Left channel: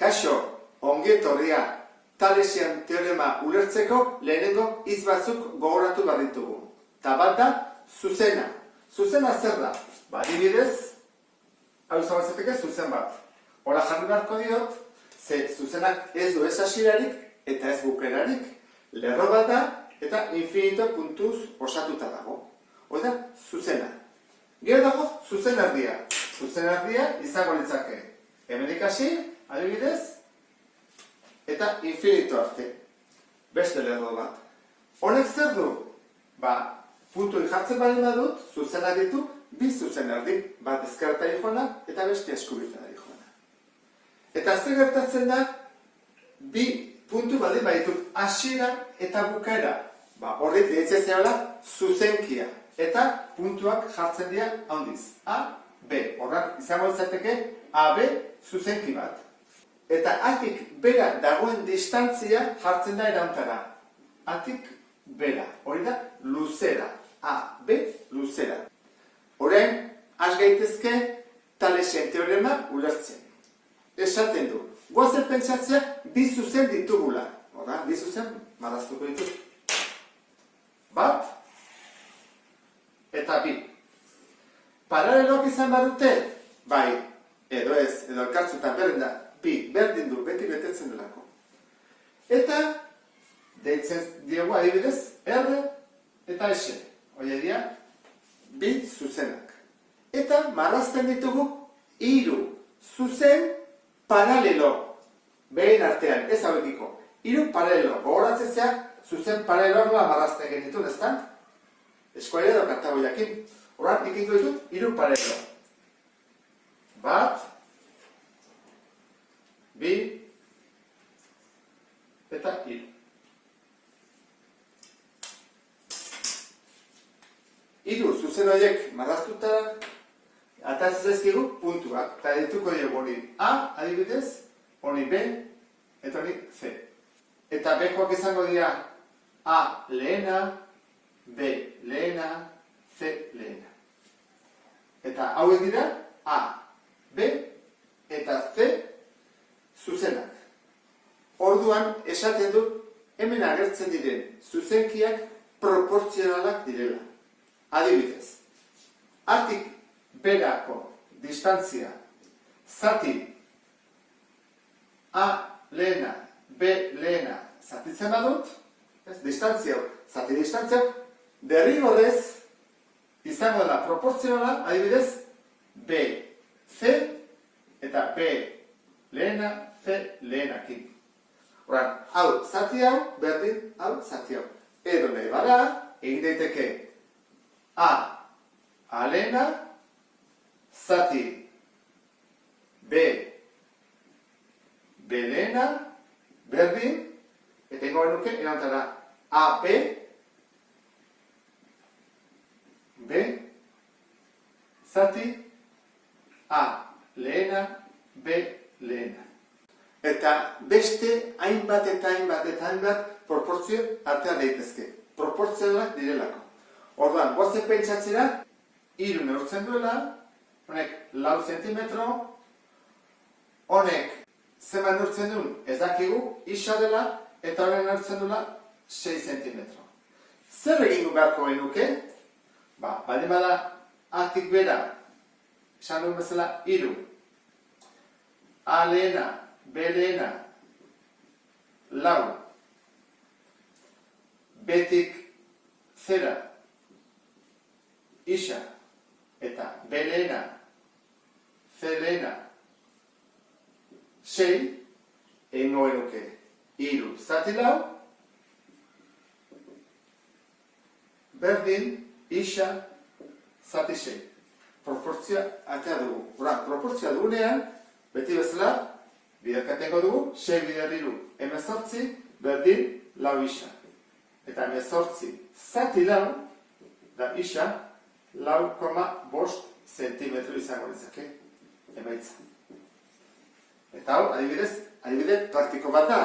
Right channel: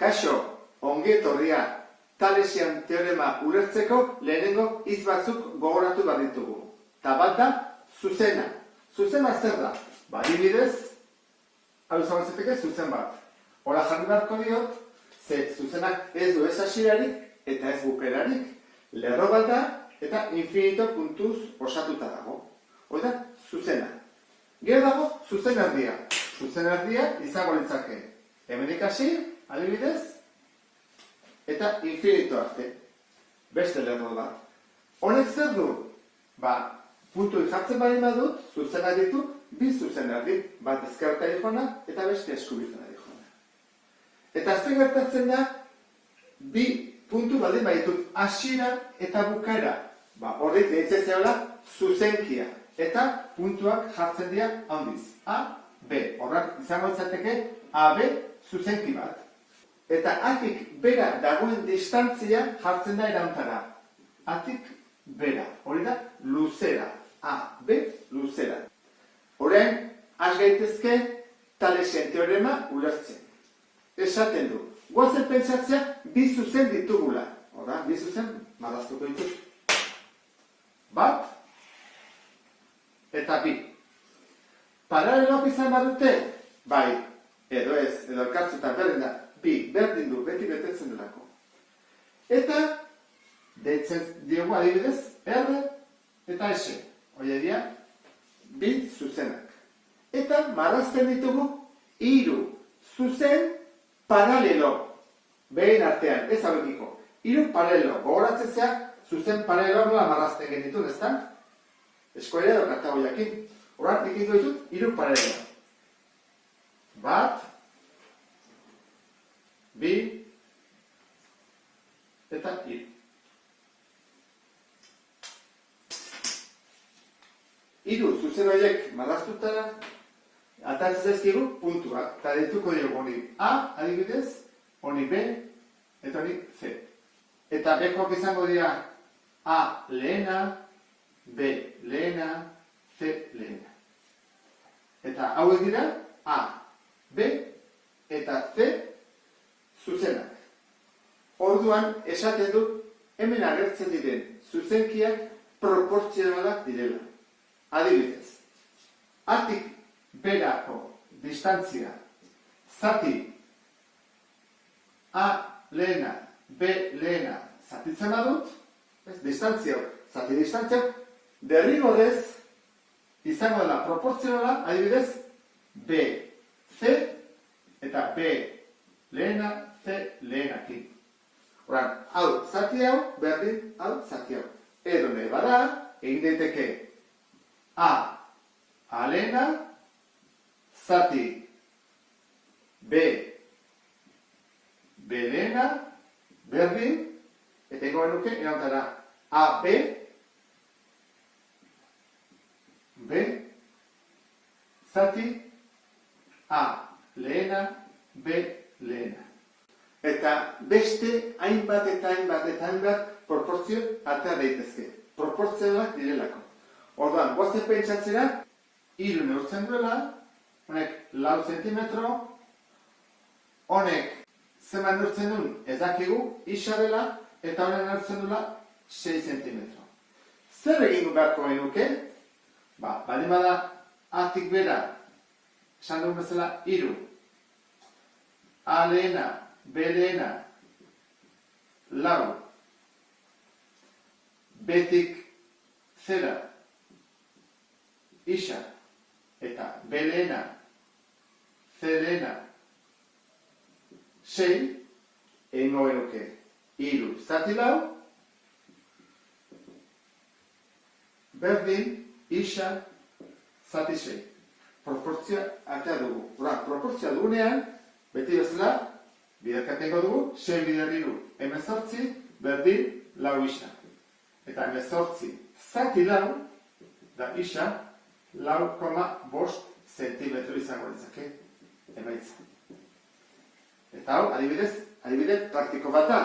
Kaixo, ongi etorria, Talesian teorema ulertzeko lehenengo hitz batzuk gogoratu behar ditugu. Ta bat da, zuzena. Zuzena zer da? Adibidez, hau izan zateke zuzen bat. Hola jarri beharko diot, ze zuzenak ez du ez hasierarik eta ez bukerarik. Lerro bat da eta infinito puntuz osatuta dago. Hoi da, zuzena. Gero dago, zuzen erdia. Zuzen erdia izango litzake. Hemenik hasi, adibidez, eta infinito arte. Beste lerro bat. Honek zer du? Puntu jartzen baldin badut, zuzenak ditu, bi zuzen erdi. Bat ezkerretari joana eta beste eskubirtari joana. Eta zer gertatzen da, bi puntu baldin baditut hasiera eta bukaera. Horrek deitzen zehala zuzenkia. Eta puntuak jartzen dira handiz. A, B. Horrak izango izateke A, B zuzenki bat. Eta atik bera dagoen distantzia jartzen da erantara. Atik bera. Hori da luzera. A, B, luzera. Orain, has gaitezke Talesen teorema ulertzen. Esaten du. Goazen pentsatzea bi zuzen ditugula. Hora, bi zuzen marraztuko ditut. Bat eta bi. Paraleloak izan badute? Bai, edo ez, edo elkartzutan berdin da. Bi, berdin du, beti betetzen delako. Eta, deitzen diogu adibidez, R eta S. Hoi dira, bi zuzenak. Eta marrazten ditugu hiru zuzen paralelo. Behin artean, ez hauekiko. Hiru paralelo. Gogoratzen zea, zuzen paraleloa marrazten genitun, ez da? Eskola edo kartago jakin. Horan, ikitu ditut, hiru paralelo. Bat, bi, eta hiru. Hiru zuzen horiek marraztutara, atatzen zaizkigu puntuak. Eta dituko diogu honi A, adibidez, honi B, eta honi C. Eta B-koak izango dira A lehena, B lehena, C lehena. Eta hauek dira A, B eta C zuzenak. Orduan esaten du hemen agertzen diren zuzenkiak proportzionalak direla. Adibidez, atik berako distantzia zati A lehena, B lehena zatitzen badut, zati distantzia, derrigorrez izango da proportzionala, adibidez, B, C eta B lehena, C lehenakin. Horan, hau zati hau, berdin, hau zati hau. Edo nahi bada, egin daiteke A lehena, zati B lehena, berdin, eta ingo genuke, erantara A, B, zati A lehena, B lehena. Eta beste hainbat proportzio artean daitezke. Proportzionalak direlako. Orduan, goazen pentsatzera, hiru neurtzen duela, honek 4 zentimetro, honek zenbat neurtzen duen ez dakigu, isa dela, eta honek neurtzen duela 6 zentimetro. Zer egin beharko genuke? Baldin bada atik bera, esan duen bezala, hiru. A lehena, B lehena, 4. Betik zera, isa, eta B lehena, C lehena, 6, egingo genuke, hiru zati 4, berdin, isa, zati 6. Proportzioa atea dugu. Proportzioa dugunean, beti bezala, biderkatengo dugu, 6 bider 3, 18, berdin, 4 isa. Eta 18 zati 4, da isa, 4,5 zentimetro izango ditzake, emaitza. Eta hau, adibide praktiko bat da.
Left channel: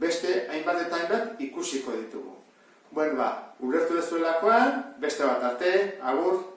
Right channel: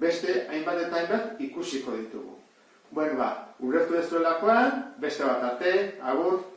Beste hainbat eta hainbat ikusiko ditugu. Ulertu dezuelakoan, beste bat arte, agur.